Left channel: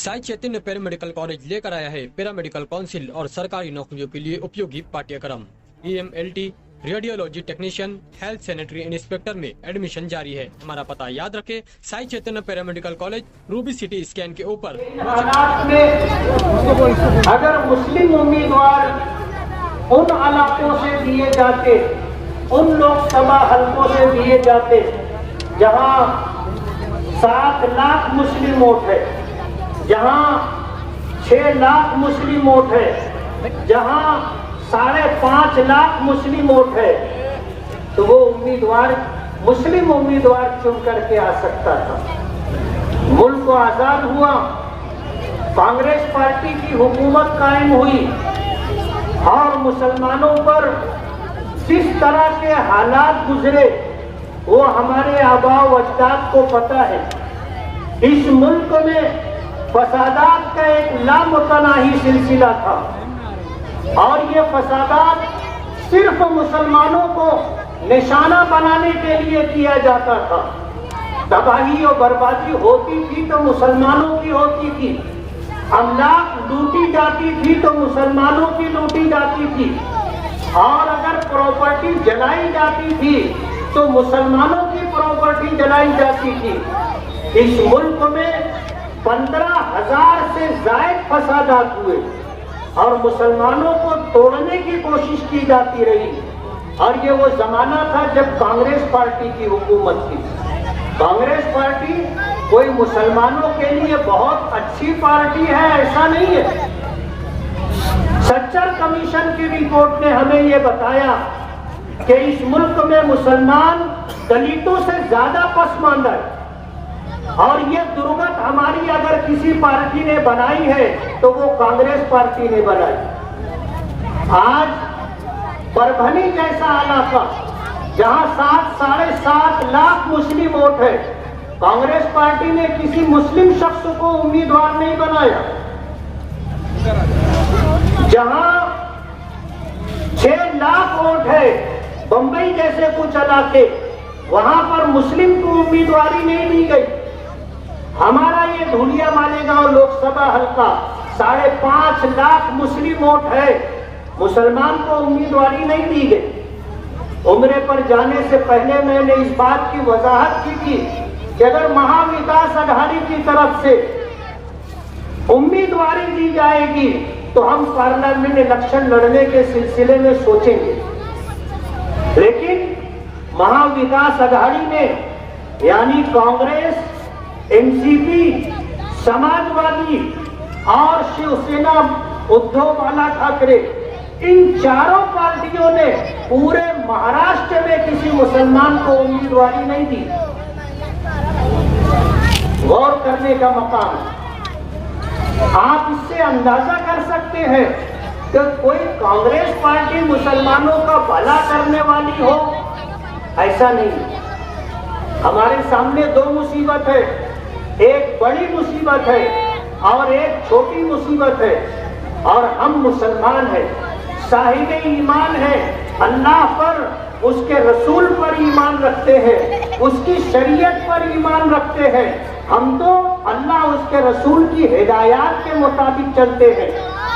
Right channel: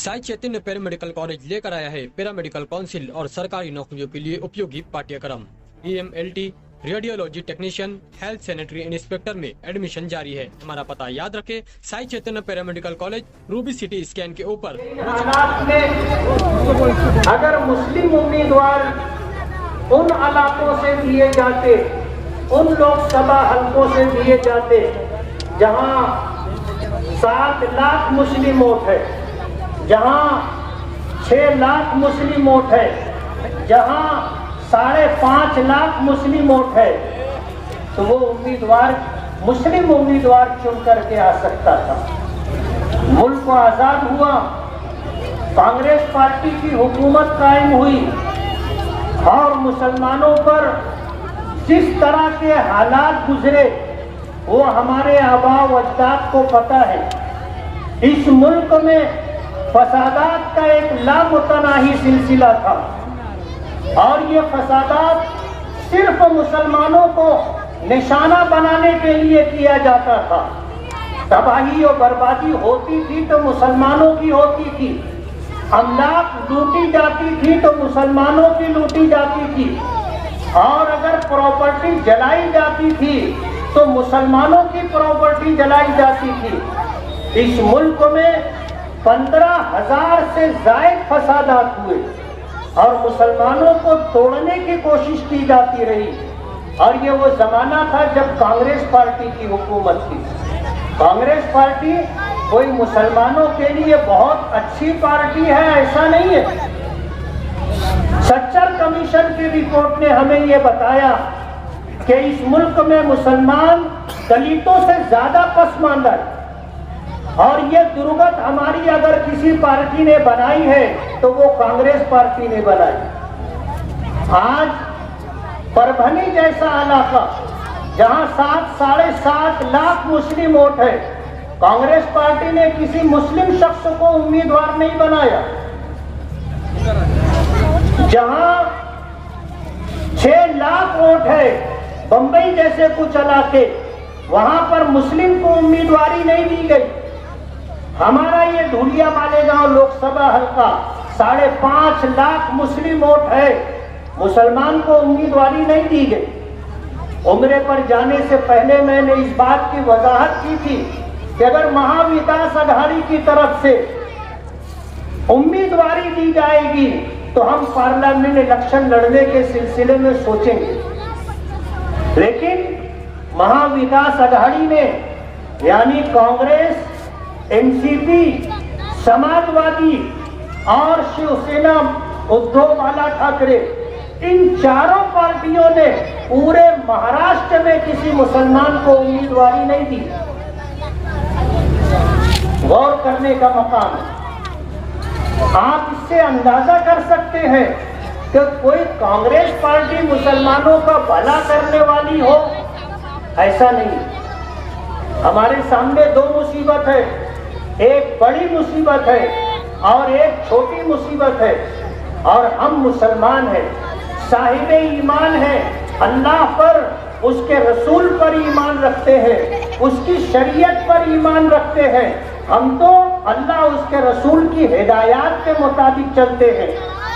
Sai Chaitanya paramedical college लेकर आया है पैरामेडिकल काउंसिल और सरकारी नौकरियों के लिए उपयोगी पाठ्यक्रम। EMLT, radiology technician, health sanitary inspector में एडमिशन जारी है। हमारा पता याद रखें, Sai Chaitanya paramedical college, Ruby City Scan के ऊपर। अगर मुस्लिम उम्मीदवार उन इलाकों से दिए जाते, उन लोकसभा हलकों से दिए जाते जहां 7 लाख मुस्लिम वोट है, जहां 6 लाख मुस्लिम वोट है, जहां 5.5 लाख मुस्लिम वोट है, तो वो उम्मीदवार मुस्लिम उम्मीदवार चुन करके आ सकता था। मुल्क को आजाद हुआ, कांग्रेस पार्टी की हुकूमत कायम हुई और मुसलमानों पर जिस तरह के हालात गुजरे वो हमारे आबा व अजदाद को पता है। इस मुल्क में फसादात का एक लामुतनाही सिलसिला था और ये फसादात सिर्फ मुसलमानों को निशाना बनाने के लिए किया जाता था। तबाही और बर्बादी होती थी तो मुसलमानों की होती थी, अमलाक लूटी जाती थी तो मुसलमानों की लूटी जाती थी, और अगर प्रॉपर्टी जलाई जाती थी तो मुसलमानों की प्रॉपर्टी जलाई जाती थी। इस मुल्क में 15,000 से ज़ायद फसादात हुए और मुसलमानों को तोड़ने की कोशिश की जाती रही। और ये वो जमाना था जब कांग्रेस पार्टी की हुकूमत थी। कांग्रेस पार्टी कोई मुसलमानों के लिए बहुत अच्छी पार्टी है ऐसा नहीं है। सच्चर कमीशन की रिपोर्ट ने हमें ये बताया कि इस मुल्क में मुसलमान दलितों से ज्यादा पसमानदा है, और ये दुर्गत हमारी अगर किसी पार्टी ने बनाई है तो वो कांग्रेस पार्टी ने बनाई। आज परभनी जैसा इलाका जहां 7-7.5 लाख मुस्लिम वोट है, कांग्रेस पार्टी ने किसी मुस्लिम शख्स को उम्मीदवार नहीं बनाया। जहां 6 लाख वोट है, बंबई जैसे कुछ इलाके, वहां पर मुस्लिम को उम्मीदवारी नहीं दी गई। हमारा ये धुलिया मालेगांव लोकसभा हल्का 5.5 लाख मुस्लिम वोट है, मुसलमान को उम्मीदवारी नहीं दी गई। उम्रे पर जाने से पहले मैंने इस बात की वजाहत की थी कि अगर महाविकास अघाड़ी की तरफ से उम्मीदवारी दी जाएगी तो हम पार्लियामेंट इलेक्शन लड़ने के सिलसिले में सोचेंगे, लेकिन महाविकास अघाड़ी ने यानी कांग्रेस, एनसीपी, समाजवादी और शिवसेना उद्धव बाला ठाकरे, इन चारों पार्टियों ने पूरे महाराष्ट्र में किसी मुसलमान को उम्मीदवारी नहीं दी। गौर करने का मकाम है। आप इससे अंदाजा कर सकते हैं कि कोई कांग्रेस पार्टी मुसलमानों का भला करने वाली हो, ऐसा नहीं। हमारे सामने 2 मुसीबत है, एक बड़ी मुसीबत है और एक छोटी मुसीबत है, और हम मुसलमान हैं, साहिब ईमान हैं, अल्लाह पर, उसके रसूल पर ईमान रखते हैं, उसकी शरीयत पर ईमान रखते हैं। हम तो अल्लाह उसके रसूल की हिदायत के मुताबिक चलते हैं।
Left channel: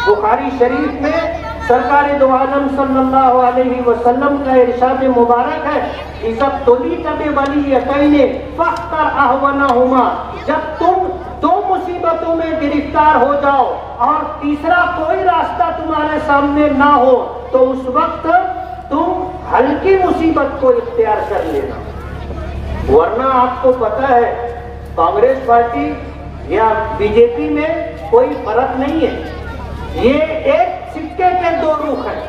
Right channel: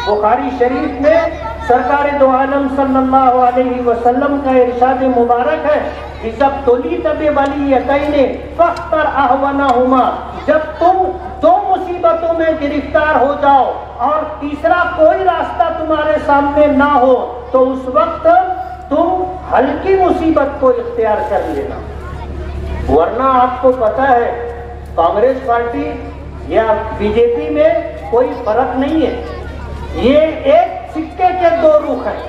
बुखारी शरीफ में सरकार दो आलम सल्लल्लाहु अलैहि वसल्लम का इरशाद मुबारक है, इज़ब तुलीत बिवलियतैनि फख्तर अहवनहुमा, जब तुम 2 मुसीबतों में गिरफ्तार हो जाओ और तीसरा कोई रास्ता तुम्हारे सामने ना हो तो उस वक्त तुम हल्की मुसीबत को इख्तियार कर लेना। वरना आपको पता है कांग्रेस पार्टी या बीजेपी में कोई फर्क नहीं है। ये एक सिक्के के 2 रुख हैं,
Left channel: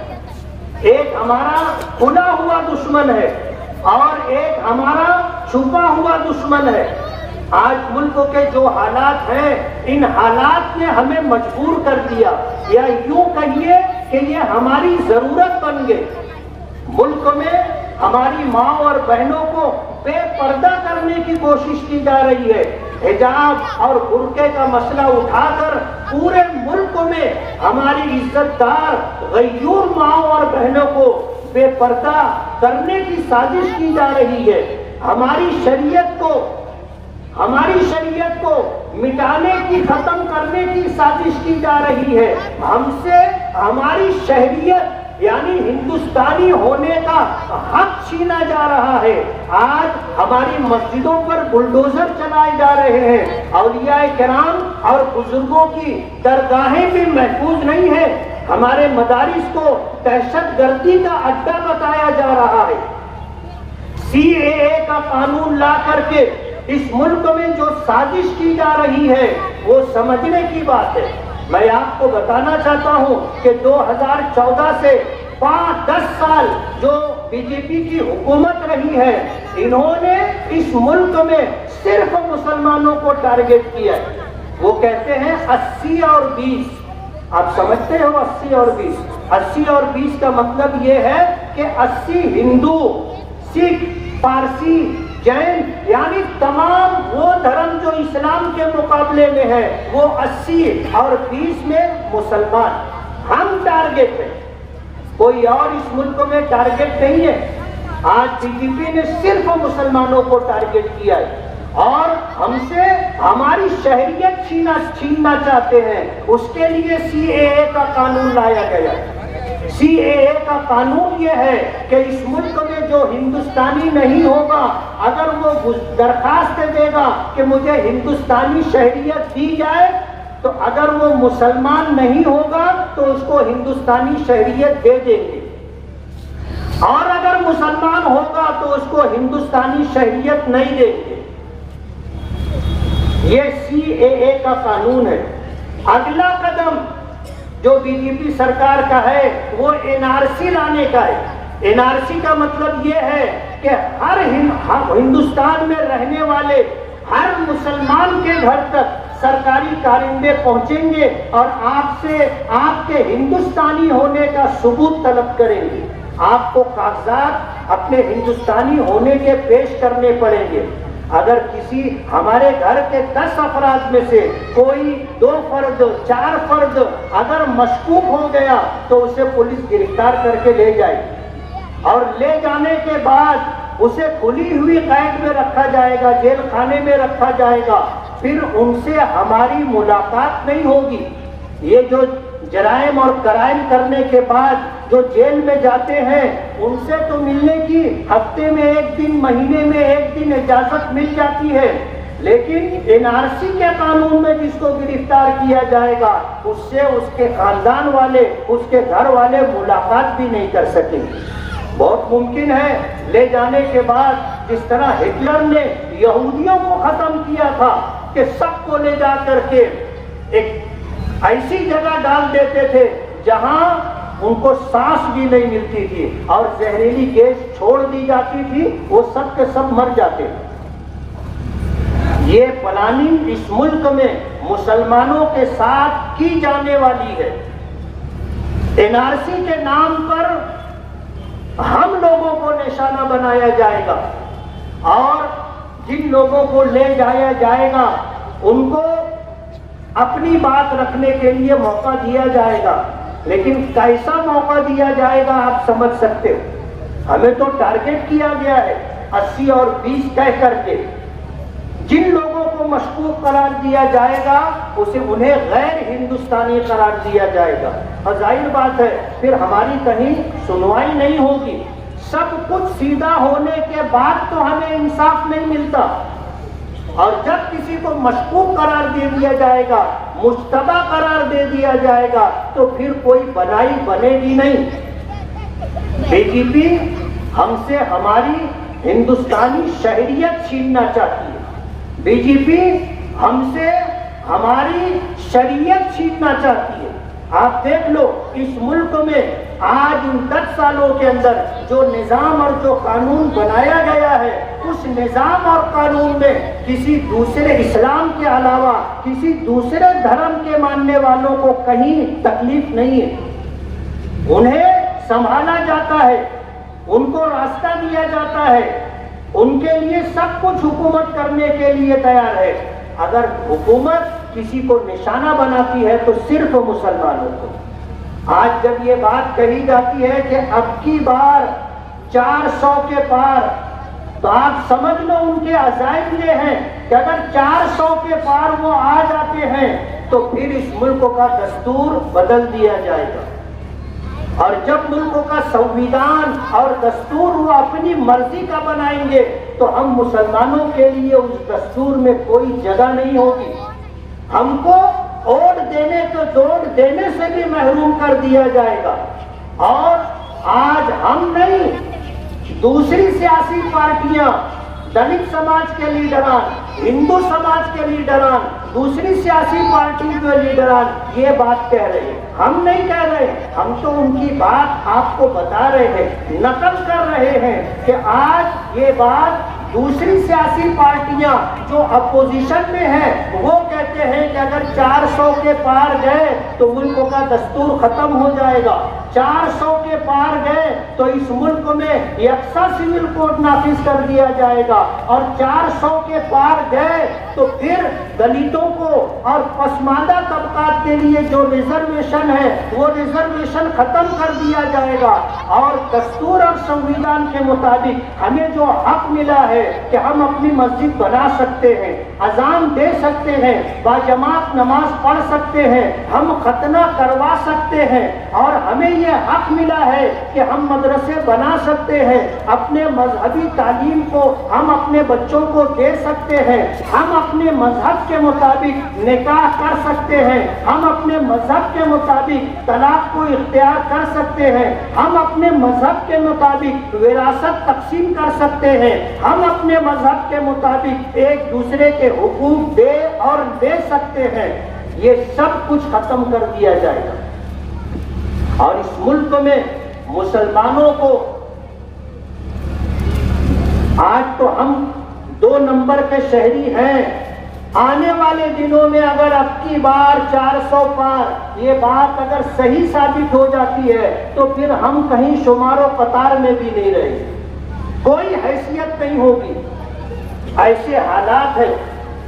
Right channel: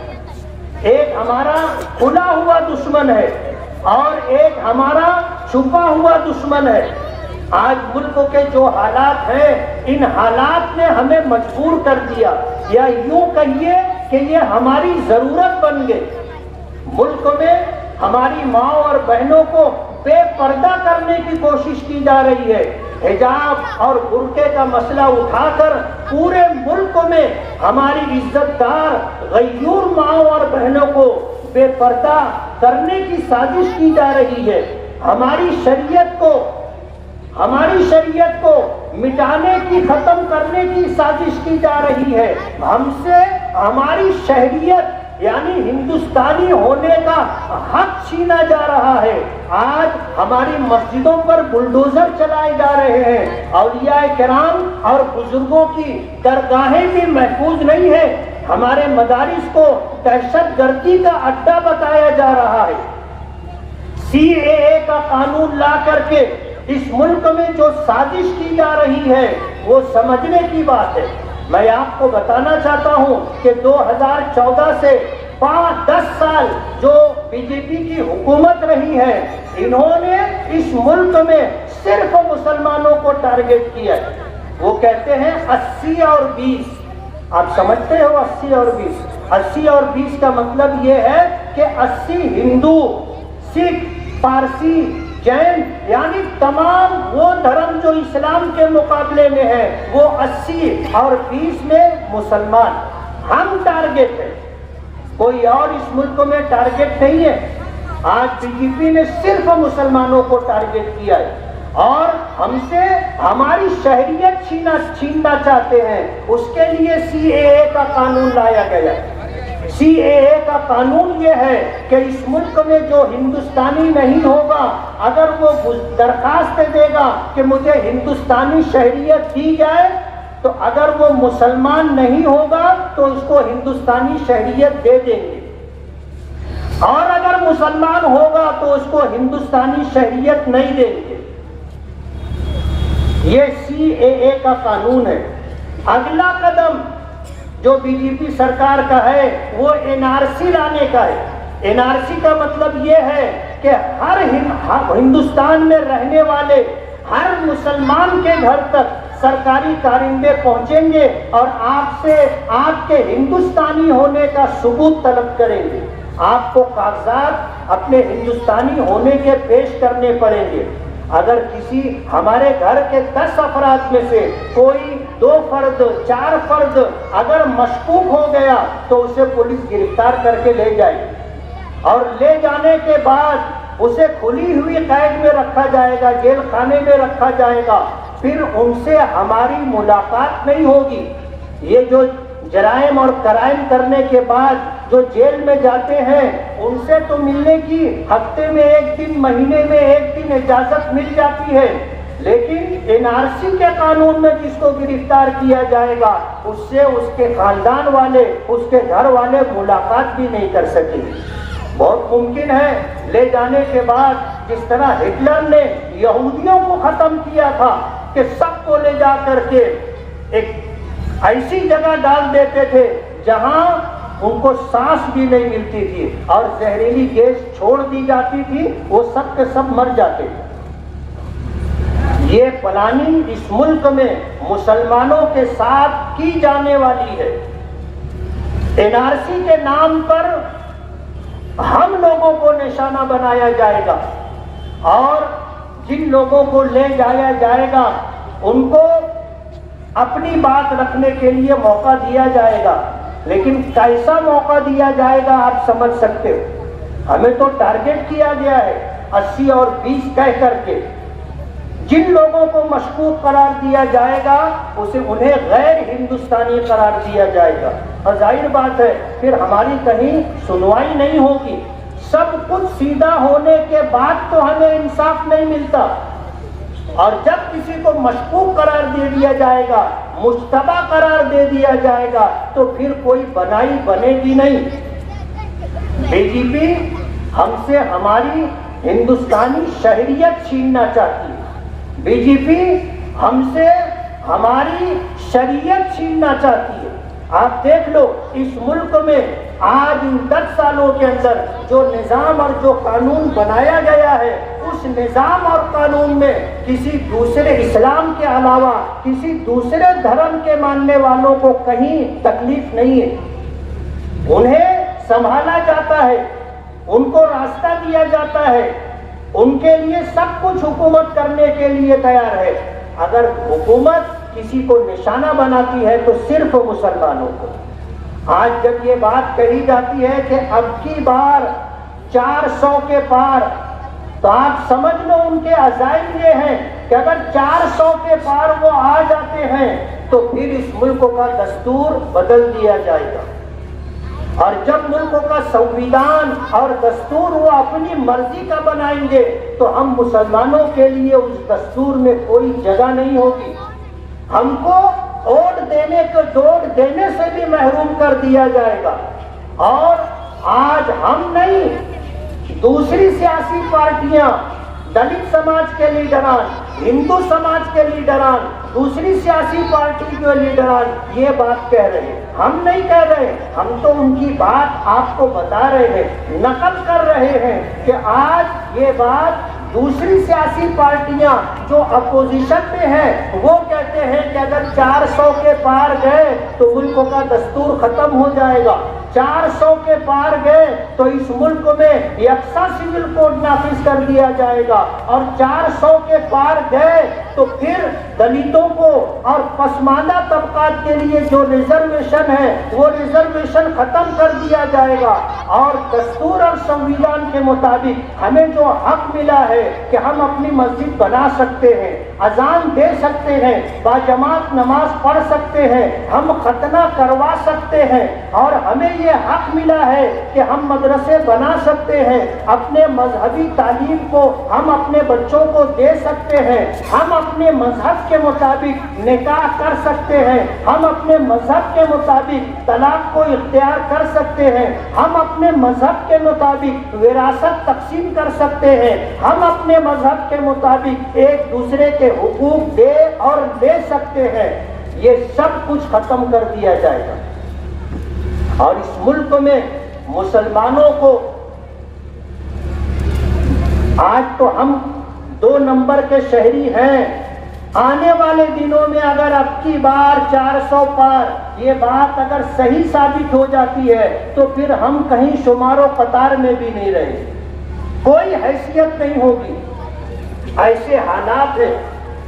एक हमारा खुला हुआ दुश्मन है और एक हमारा छुपा हुआ दुश्मन है। आज मुल्क के जो हालात हैं, इन हालात ने हमें मजबूर कर दिया, या यूं कहिए कि ये हमारी जरूरत बन गई। मुल्क में हमारी माँ और बहनों को बेपर्दा करने की कोशिश की जा रही है। हिजाब और बुर्के का मसला उठाकर पूरे मुल्क में हमारी इज्जतदार गयूर माँ और बहनों को बेपर्दा करने की साजिश की जा रही है। हमारी शरीयत को मिटाने की, खत्म करने की साजिश की जा रही है। हमसे हमारी शहरियत यानी हिंदुस्तानी होने का हक छीना जा रहा है। आज हमारी मस्जिदों पर बुलडोजर चलाए जा रहे हैं। औलिया किराम और बुजुर्गों की दरगाहें भी महफूज नहीं है। हमारे मदारिस को दहशतगर्दी का अड्डा बताया जा रहा है। CAA का कानून ला करके इस मुल्क में जो साजिश की जा रही है वो समझने की बात है। मैं आपको बताना चाहता हूं कि 2014 से 5-10 साल जो बीजेपी की हुकूमत रही है, इन्होंने इस मुल्क में सिर्फ मुसलमानों को टारगेट किया है। वो कहते हैं 80 और 20। आप समझते हो 80 और 20? 80 और 20 का मतलब ये है कि 80 हिंदू, सिख, पारसी, जैन यानी तमाम वो धर्म जो इस्लाम के मुकाबले में है वो 80 और 20 में मुसलमान। हम टारगेट है, कोई और इस मुल्क में टारगेट नहीं है। आज बीजेपी ने सिर्फ मुसलमानों को टारगेट किया है और हमसे हमारी शहरियत छीनना चाहते हैं। उसके लिए CAA का कानून लाया गया। CAA का कानून ये है कि इस मुल्क में जो हिंदुस्तानी नहीं होगा, अगर वो दरखास्त देगा कि मुझे हिंदुस्तानी शहरियत दी जाए, तो अगर वो मुसलमान नहीं होगा तो उसको हिंदुस्तानी शहरियत दे देंगे, और अगर मुसलमान होगा तो उसको हिंदुस्तानी शहरियत नहीं देंगे। ये CAA का कानून है। अगला कदम जो बीजेपी सरकार का है वो NRC लाने का है। NRC का मतलब ये है कि हर हिंदुस्तान में रहने वाले हर मुसलमान के घर तक सरकारी कारिंदे पहुंचेंगे और आपसे आपके हिंदुस्तानी होने का सबूत तलब करेंगे। आपको कागजात अपने हिंदुस्तानी होने के पेश करने पड़ेंगे। अगर किसी हमारे घर के 10 अफराद में से कोई 2 फर्द 4 फर्द अगर मशकूक हो गया तो उसे पुलिस गिरफ्तार करके ले जाएगी, और ले जाने के बाद उसे खुली हुई कैद में रखा जाएगा, जेल खाने में रखा जाएगा। फिर उनसे हमारी मुलाकात नहीं होगी। ये जो जराइम और कराइम करने के बाद जो जेल में जाते हैं उनसे तो मिलने की हफ्ते में 1 दिन, महीने में 1 दिन इजाजत मिल जाती है, लेकिन NRC के कानून में जिसको गिरफ्तार किया जाएगा उससे उसके खानदान वाले, उसके घर वाले मुलाकात भी नहीं कर सकेंगे। बहुत मुमकिन है ले जाने के बाद जिस तरह हिटलर ने यहूदियों को खत्म किया था कि सबको ले जा करके एक ऐसी जगह डाल देते थे जहां उनको सांस भी नहीं मिलती थी और जहरीली गैस छोड़ दी जाती थी, वो सब के सब मर जाते थे। ये प्लानिंग इस मुल्क में मुसलमानों के साथ की जाने वाली है। NRC के नाम पर हम लोगों को निशाना बनाया जाएगा और जिन लोगों को ले जाया जाएगा उनको अपनी बात रखने के लिए मौका दिया जाएगा। लेकिन कैसा मौका दिया जाएगा आप समझ सकते हो। हमें तो टारगेट किया गया है 80 और 20 कह करके। जिन लोगों को मशकूक करार दिया जाएगा उन्हें गैर हिंदुस्तानी करार दिया जाएगा, और जाहिर बात है फिर हमारी कहीं सुनवाई नहीं होगी। सब कुछ सीधा होने के बाद तो हमें इंसाफ नहीं मिलता, और जब किसी को मशकूक करार दे दिया जाएगा, मुश्तबा करार दे दिया जाएगा, तो फिर कोई बनाई बनेगी नहीं। बीजेपी हमसे हमारी हिंदुस्तानी शहरियत छीनना चाहती है। बीजेपी हमसे हमारी शरीयत छीनना चाहती है। आप देख लो इस मुल्क में आज इन 10 सालों के अंदर जो निजाम और जो कानून बनाया गया है, उस निजाम और कानून में किसी दूसरे इस्लाम के अलावा किसी दूसरे धर्म के मानने वालों को कहीं तकलीफ नहीं है। उन्हें संभाला जाता है, उनको रास्ता दिया जाता है, उनके लिए सब कुछ हुकूमत करने के लिए तैयार है। अगर हुकूमत किसी को निशाना बनाती है तो सिर्फ मुसलमानों को। आज जब ये बात कही जाती है कि अब की बार 400 के पार, तो आप समझ लो उनके अज़ाइम ये हैं کہ اگر 400 کے پار وہ آ جاتے ہیں تو پھر اس ملک کا دستور بدل دیا جائے گا، اور جب ملک کا سنویدھان اور دستور وہ اپنی مرضی کا بنائیں گے تو ہم مسلمانوں کے لیے اس دستور میں کوئی جگہ نہیں ہوگی، ہم کو ووٹ دینے کو دوڑ دینے سے بھی محروم کر دیا جائے گا۔ اور آج ہم نہیں، دوسری سیاسی پارٹیاں، دلت سماج کے لیڈران، ہندو سماج کے لیڈران، دوسری سیاسی پارٹی کے لیڈران یہ بات کہہ رہے ہیں، ہم نہیں کہہ رہے، ہم تو ان کی بات آپ کو بتا رہے ہیں، نقل کر رہے ہیں کہ آج یہ بات دوسری سیاسی پارٹیاں جو اپوزیشن میں ہیں وہ کہتے ہیں کہ اگر 400 کے پار گئے تو ملک کا دستور ختم ہو جائے گا، 400 کے پار گئے تو اس ملک میں یکساں سول کوڈ نافذ کر دیا جائے گا، اور 400 کے پار گئے تو پھر دلتوں کو اور پسماندہ طبقات کے لیے جو ریزرویشن ہے وہ ریزرویشن ختم کر دیا جائے گا، اور دستور اور سنویدھان کے مطابق ہمیں جو حق ملا ہے کہ ہم اپنی مسجد بنا سکتے ہیں، اذان دے سکتے ہیں، باجماعت نماز پڑھ سکتے ہیں، ہم ختنہ کروا سکتے ہیں، اور ہمیں یہ حق ملا ہے کہ ہم مدرسے بنا سکتے ہیں، اپنے مذہبی تعلیم کو ہم اپنے بچوں کو دے سکتے ہیں، ہم اپنے مذہب کے مطابق نکاح کر سکتے ہیں، ہم اپنے مذہب کے مطابق طلاق کو اختیار کر سکتے ہیں، ہم اپنے مذہب کے مطابق وراثت تقسیم کر سکتے ہیں، ہم اپنے مذہب کے مطابق ایک دوسرے کے حقوق دے اور لے سکتے ہیں، یہ سب کچھ ختم کر دیا جائے گا، اور اس ملک میں مسلمانوں کو آج تو ہم 2 نمبر کے شہری ہیں، آنے والے دنوں میں اگر اب کی بار 400 پار یہ بات اگر صحیح ثابت ہو جاتی ہے تو پھر ہم کہیں شمار و قطار میں بھی نہیں رہیں گے، کوئی حیثیت نہیں ہوگی، ایسے حالات ہیں۔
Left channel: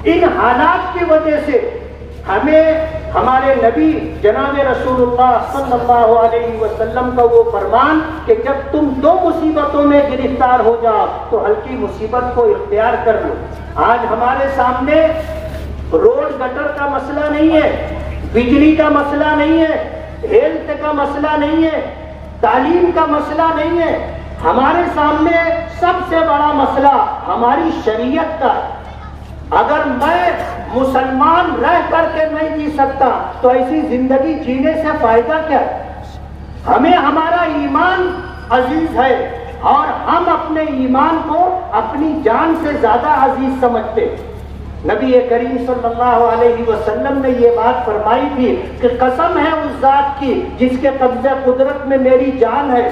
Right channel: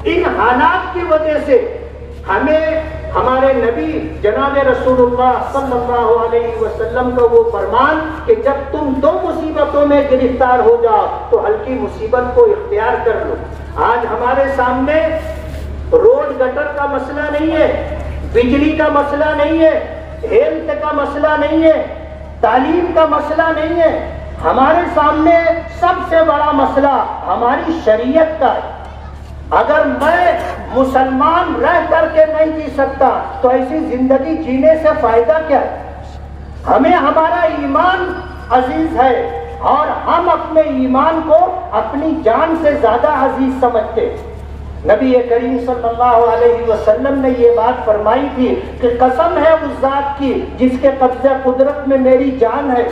ان حالات کی وجہ سے ہمیں ہمارے نبی جناب رسول اللہ صلی اللہ علیہ وسلم کا وہ فرمان کہ جب تم 2 مصیبتوں میں گرفتار ہو جاؤ تو ہلکی مصیبت کو اختیار کر لو۔ آج ہمارے سامنے روڈ گٹر کا مسئلہ نہیں ہے، بجلی کا مسئلہ نہیں ہے، ہیلتھ کا مسئلہ نہیں ہے، تعلیم کا مسئلہ نہیں ہے، ہمارے سامنے سب سے بڑا مسئلہ ہماری شریعت کا ہے۔ اگر میں مسلمان رہ کر کے نہیں جی سکتا تو ایسی زندگی جینے سے فائدہ کیا ہے؟ ہمیں ہمارا ایمان عزیز ہے اور ہم اپنے ایمان کو اپنی جان سے زیادہ عزیز سمجھتے ہیں۔ نبی کریم صلی اللہ علیہ وسلم نے یہ بات فرمائی تھی کہ قسم ہے اس ذات کی جس کے قبضہ قدرت میں میری جان ہے،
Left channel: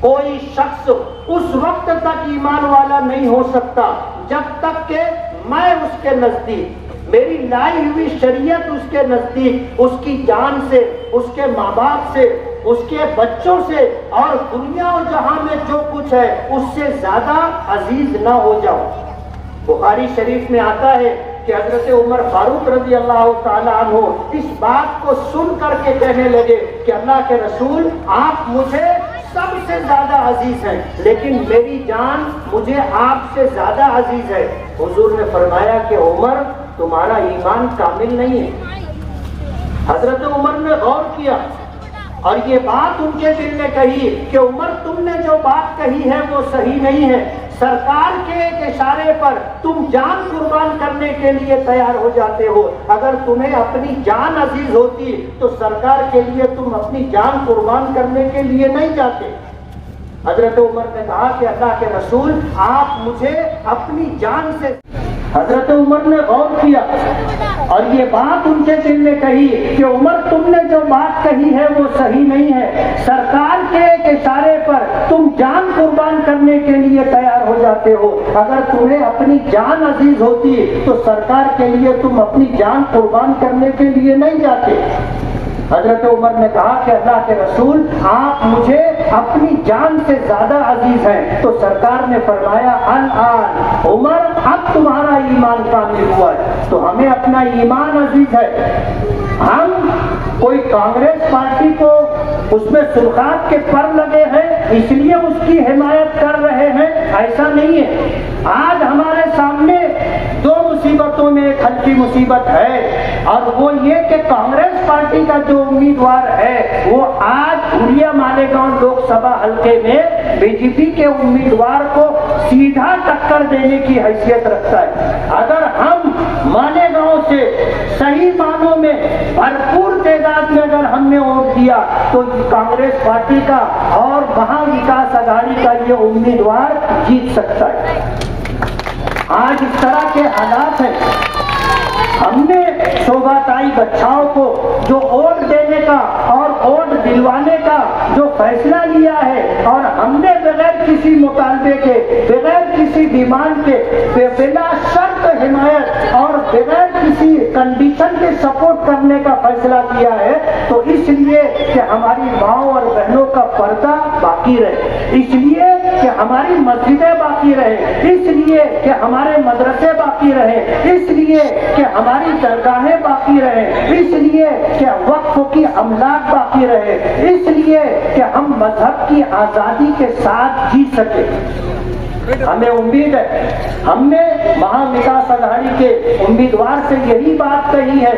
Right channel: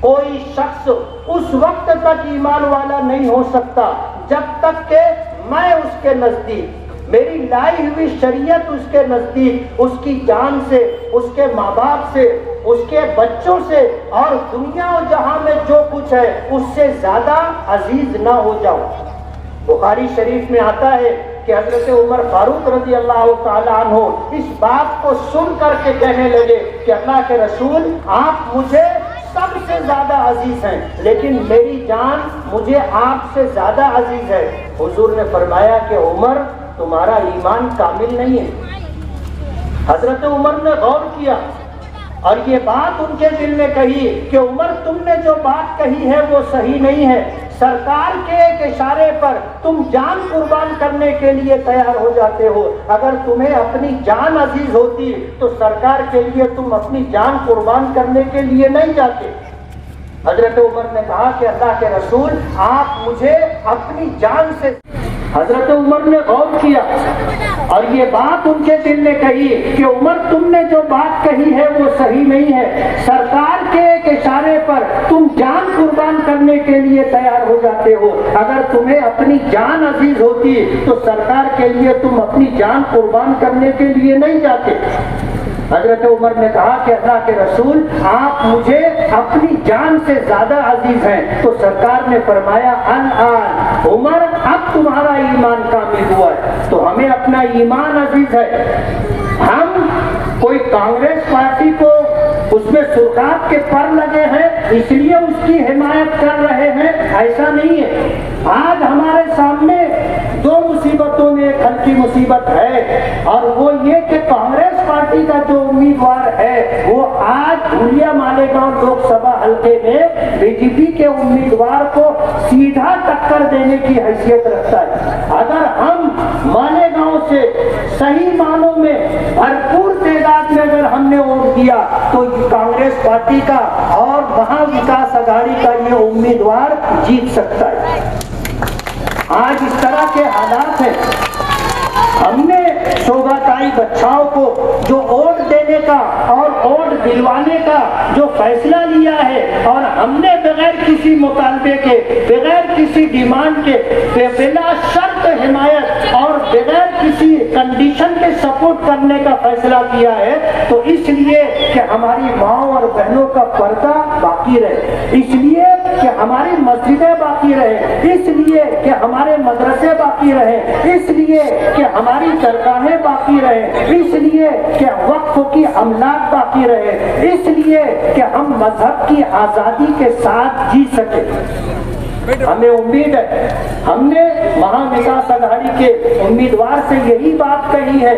کوئی شخص اس وقت تک ایمان والا نہیں ہو سکتا جب تک کہ میں اس کے نزدیک، میری لائی ہوئی شریعت اس کے نزدیک اس کی جان سے، اس کے ماں باپ سے، اس کے بچوں سے اور دنیا و جہاں میں جو کچھ ہے اس سے زیادہ عزیز نہ ہو جاؤ۔ بخاری شریف میں آتا ہے کہ حضرت عمر فاروق رضی اللہ تعالیٰ عنہ اس بات کو سن کر کے کہنے لگے کہ اللہ کے رسول آپ مجھے سب سے زیادہ عزیز ہیں لیکن میری جان مجھے آپ سے زیادہ عزیز ہے۔ حضور نے فرمایا کہ عمر تمہارا ایمان کامل نہیں ہے۔ حضرت عمر نے غور کیا اور یہ بات ان کے دل میں کہی کہ عمر تم نے جو بات کہی ہے وہ صحیح نہیں ہے، سرکار کے ایک اشارے پر تم جان قربان کرنے کے لیے تیار ہو جاتے ہو، اگر تمہیں اپنی جان عزیز ہوتی تو سرکار کے لیے تم اپنی جان قربان کرنے کے لیے نہیں جاتے۔ حضرت عمر نے کہا کہ اللہ کے رسول آپ مجھے اپنی جان سے، حضرت عمر نے غور کیا اور یہ بات ان کے دل میں کہی کہ عمر تم نے جو بات کہی ہے وہ صحیح نہیں ہے، سرکار کے ایک اشارے پر تم جان قربان کرنے کے لیے تیار ہو جاتے ہو، اگر تمہیں اپنی جان عزیز ہوتی تو سرکار کے لیے تم اپنی جان قربان کرنے کے لیے نہیں جاتے۔ حضرت عمر نے کہا کہ اللہ کے رسول آپ مجھے اپنی جان سے زیادہ عزیز ہیں، تو سرکار نے فرمایا الآن عمر اب تمہارا ایمان کامل ہوا ہے۔ تو ہمیں اپنا ایمان عزیز ہے، ہم کوئی کانگریس پارٹی کو اس میں سرخاب کے پر لگے ہیں اس لیے اس کی حمایت کر رہے ہیں، ایسا نہیں ہے۔ آج ہمارے سامنے دو مصیبتوں میں ایک ہلکی مصیبت ہے، اور وہ یہ کہ کانگریس پارٹی کا جو امیدوار ہے وہ آج دھولیا مالیگاؤں لوک سبھا حلقے میں بی جے پی کے امیدوار کو سیدھا ٹکر دینے کی حیثیت رکھتا ہے۔ اگر ہم مالیگاؤں سے صحیح معنوں میں بھرپور تعداد میں اگر ہم نے ووٹ دیا تو کانگریس پارٹی کا اور مہا وکاس اگاڑی کا یہ امیدوار جیت سکتا ہے۔ آج اس طرح کے حالات ہیں، ہم نے شوبھا تائی بچاؤ کو جو ووٹ دینے کا اور ووٹ دلوانے کا جو فیصلہ لیا ہے، اور ہم نے بغیر کسی مطالبے کے، بغیر کسی ڈیمانڈ کے، بلا شرط حمایت اور بغیر کسی کنڈیشن کے سپورٹ کرنے کا فیصلہ کیا ہے، تو اس لیے کہ ہماری ماؤں اور بہنوں کا پردہ باقی رہے، اس لیے کہ ہماری مسجدیں باقی رہے، اس لیے کہ ہمارے مدرسے باقی رہے، اس لیے کہ ہماری درگاہیں باقی رہے، اس لیے کہ وقف کی املاک باقی رہے، اس لیے کہ ہم مذہب کی آزادی کے ساتھ جی سکے۔ ہمیں امید ہے، ہم نے مہا وکاس اگاڑی کے امیدوار سے یہی بات کہی ہے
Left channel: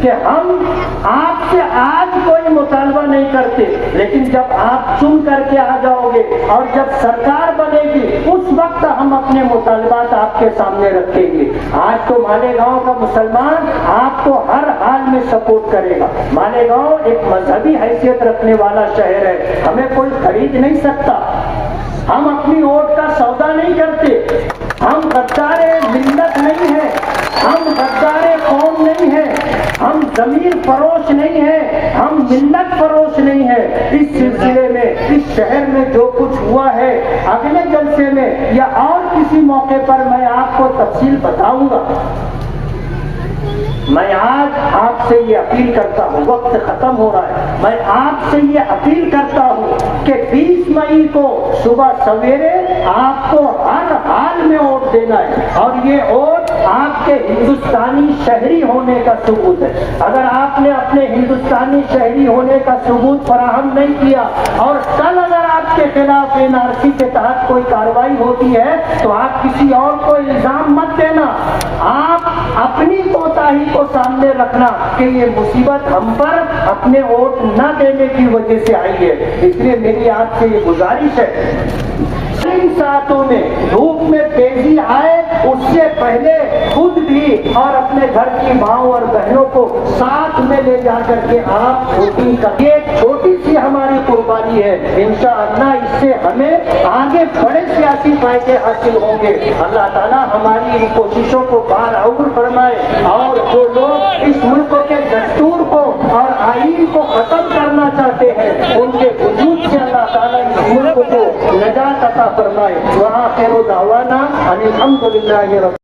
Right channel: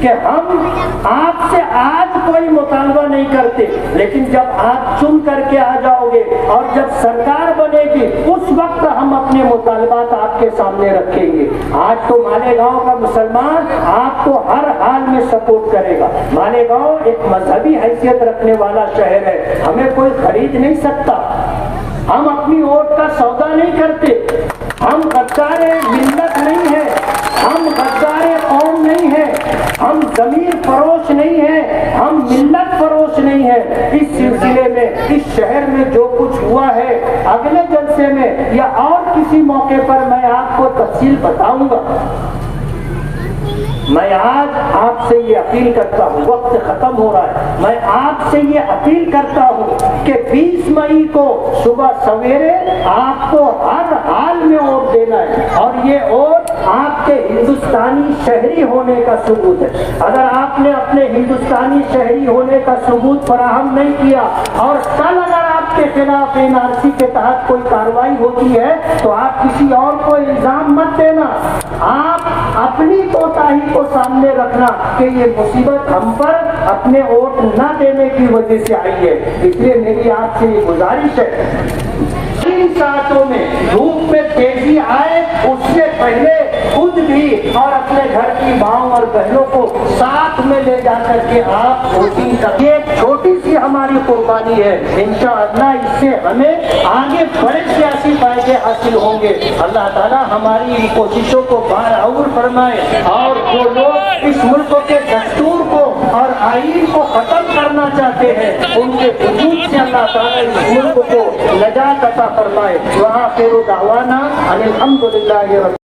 کہ ہم آپ سے آج کوئی مطالبہ نہیں کرتے، لیکن جب آپ چن کر کے آ جاؤ گے اور جب سرکار بنے گی اس وقت ہم اپنے مطالبات آپ کے سامنے رکھیں گے۔ آج تو مالیگاؤں کا مسلمان آپ کو ہر حال میں سپورٹ کرے گا۔ مالیگاؤں ایک مذہبی حیثیت رکھنے والا شہر ہے، ہمیں کوئی خرید نہیں سکتا، ہم اپنی ووٹ کا سودا نہیں کرتے، ہم غدار ملت نہیں ہیں، ہم غدار قوم نہیں ہیں، ہم ضمیر فروش نہیں ہیں، ہم ملت فروش نہیں ہیں۔ اس سلسلے میں اس شہر میں جو کچھ ہوا ہے اگلے جلسے میں یا اور کسی موقع پر میں آپ کو تفصیل بتاؤں گا۔ میں آج آپ سے یہ اپیل کرتا ہوں، وقت ختم ہو رہا ہے، میں آپ سے یہ اپیل کرتا ہوں کہ 20 مئی کو صبح سویرے آپ کو ہر حال میں ووٹ دینا ہے، اور یہ ووٹ آپ کے ہندوستانی شہری ہونے کا ثبوت ہے۔ اگر آپ نے اپنے ہندوستانی شہری ہونے کا ثبوت فراہم نہیں کیا اور کل اگر آپ کے خلاف NRC کے تحت کوئی کارروائی ہوتی ہے تو آپ کسی اور کو الزام مت دینا، آپ اپنی کوتاہی کو سامنے رکھنا کہ یہ مصیبت ہم پر اپنے ووٹ نہ دینے کی وجہ سے آئی ہے۔ اس لیے میری آپ سے یہ گزارش ہے، ان ساعتوں میں دھوپ میں تیزی آئے اس سے پہلے خود بھی اور اپنے گھر کی ماؤں اور بہنوں کو ساتھ میں لے جا کر کے آپ ووٹنگ کریں۔ یہ ایک چھوٹی سی ہماری قربانی ہے، انشاءاللہ اس سے ہمیں آگے بڑے سیاسی فائدے حاصل ہوں گے۔ اللہ تعالیٰ ہماری ان کوششوں کو بارعور فرمائے، اور جو لوگ اس ملک کے دستور کو اور آئین کو ختم کرنا چاہتے ہیں ان کے وجود سے اللہ تعالیٰ اس ملک کو نجات عطا فرمائے۔ وآخر دعوانا ان الحمد للہ رب